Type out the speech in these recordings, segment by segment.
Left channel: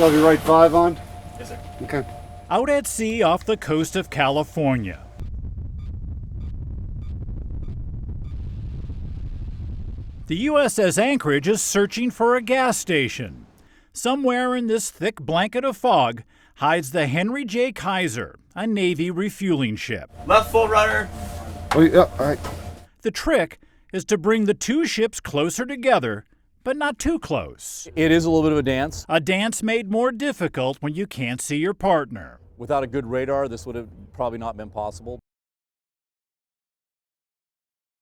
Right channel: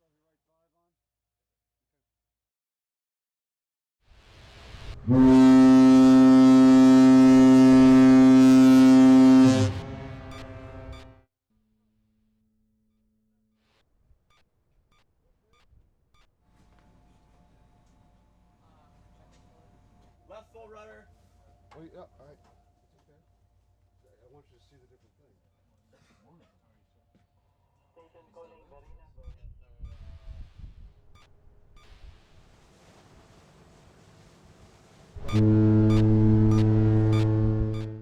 So have you right 5 on? Yes, sir. Okay. Out at sea off the coast of California. The USS Anchorage is searching for a gas station. Somewhere in this thick blanket of fog hides the Henry J. Kaiser, a Navy refueling ship. Left full rudder. Oh, yeah, all right. The trick is to bring the two ships closer together, but not too close. It is a little bit of a dance. A dance made more difficult when you can't see your partner. Without a good radar, this would have probably not been possible.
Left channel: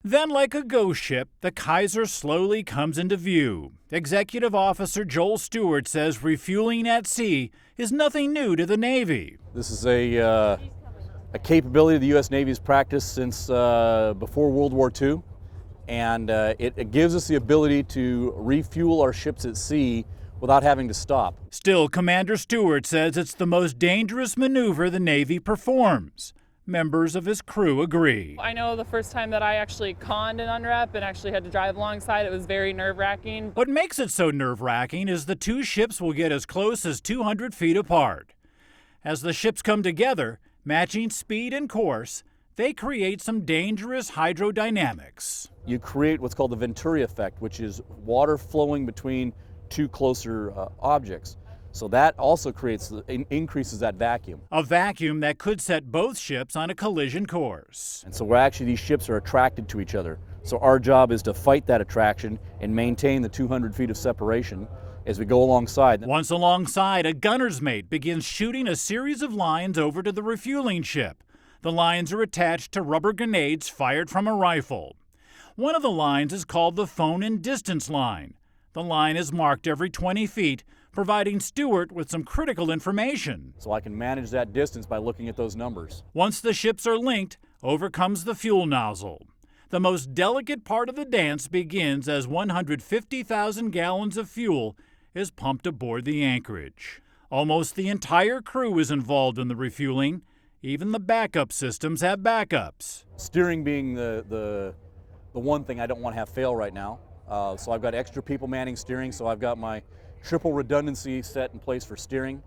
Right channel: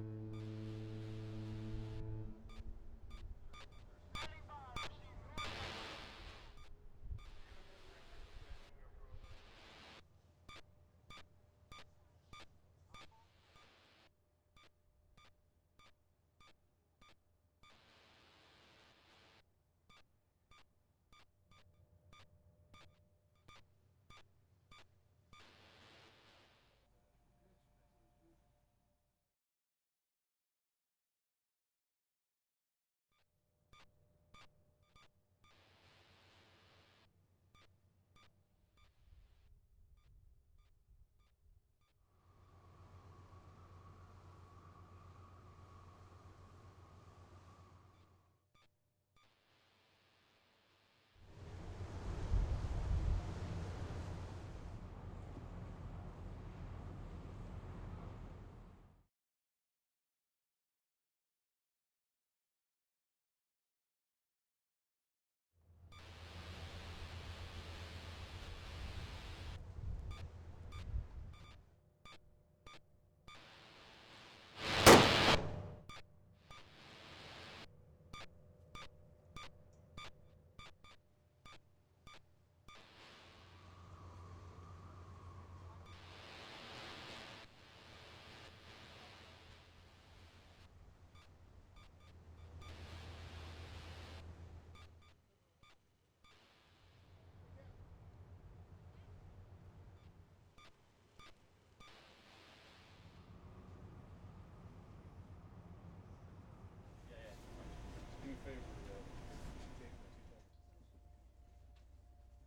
Then, like a ghost ship, the Kaiser slowly comes into view. Executive Officer Joel Stewart says refueling at sea is nothing new to the Navy. This is a capability the U.S. Navy's practiced since before World War II, and it gives us the ability to refuel our ships at sea without having to stop. Still, Commander Stewart says it's the most dangerous maneuver the Navy performs. Members of his crew agree. I know the first time that I actually conned an unrep and actually had to drive alongside, it was very nerve-wracking. What makes it so nerve-wracking is the two ships will get as close as 200 feet apart. As the ships come together, matching speed and course, they create some dangerous hydrodynamics. You create what's called the Venturi effect, which is water flowing between two closer objects. So that also increases that vacuum. A vacuum that could set both ships on a collision course. And so these ships are attracted to each other. So our job is to fight that attraction and maintain the 200 feet of separation as we go alongside. Once alongside, a gunner's mate begins shooting a series of lines over to the refueling ship. The lines are attached to rubber grenades fired from a rifle. One of the lines is called the phone and distance line. The line is marked every 20 feet, providing Stewart with some critical information. So I can manage that distance by looking at those numbers. Once the ships are linked, over comes the fuel nozzle. The most delicate part of the dance begins as 150,000 gallons of fuel is pumped aboard the Anchorage. Almost the entire crew is involved in the refueling. Even the backup systems have backups. Steering being the one thing I don't want to have fail right now. So I've got extra people manning steering, so I've got my triple redundancy set in place for steering.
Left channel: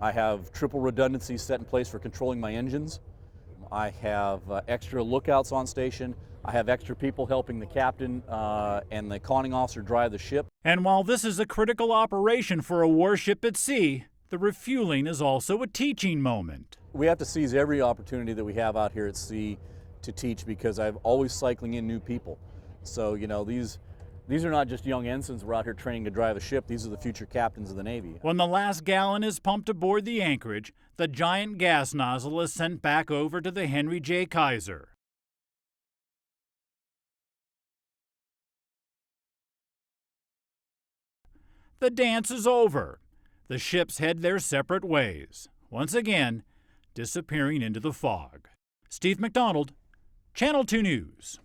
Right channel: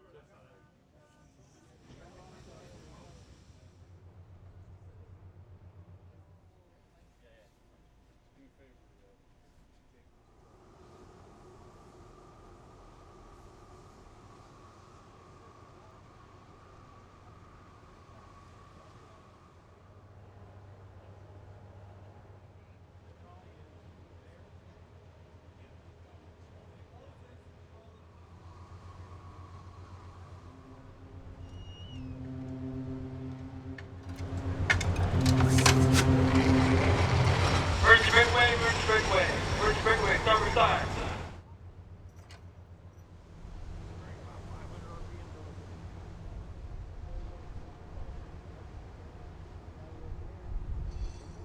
I have triple redundancy set in place for controlling my engines. I have extra lookouts on station. I have extra people helping the captain and the conning officer drive the ship. And while this is a critical operation for a warship at sea, the refueling is also a teaching moment. We have to seize every opportunity that we have out here at sea to teach, because I'm always cycling in new people. So, you know, these are not just young ensigns we're out here training to drive a ship. These are the future captains of the Navy. When the last gallon is pumped aboard the Anchorage, the giant gas nozzle is sent back over to the Henry J. Kaiser. Merge straightaway, merge straightaway, merge straightaway, starboard side. The dance is over. The ships head their separate ways, once again disappearing into the fog. Steve McDonald, Channel 2 News.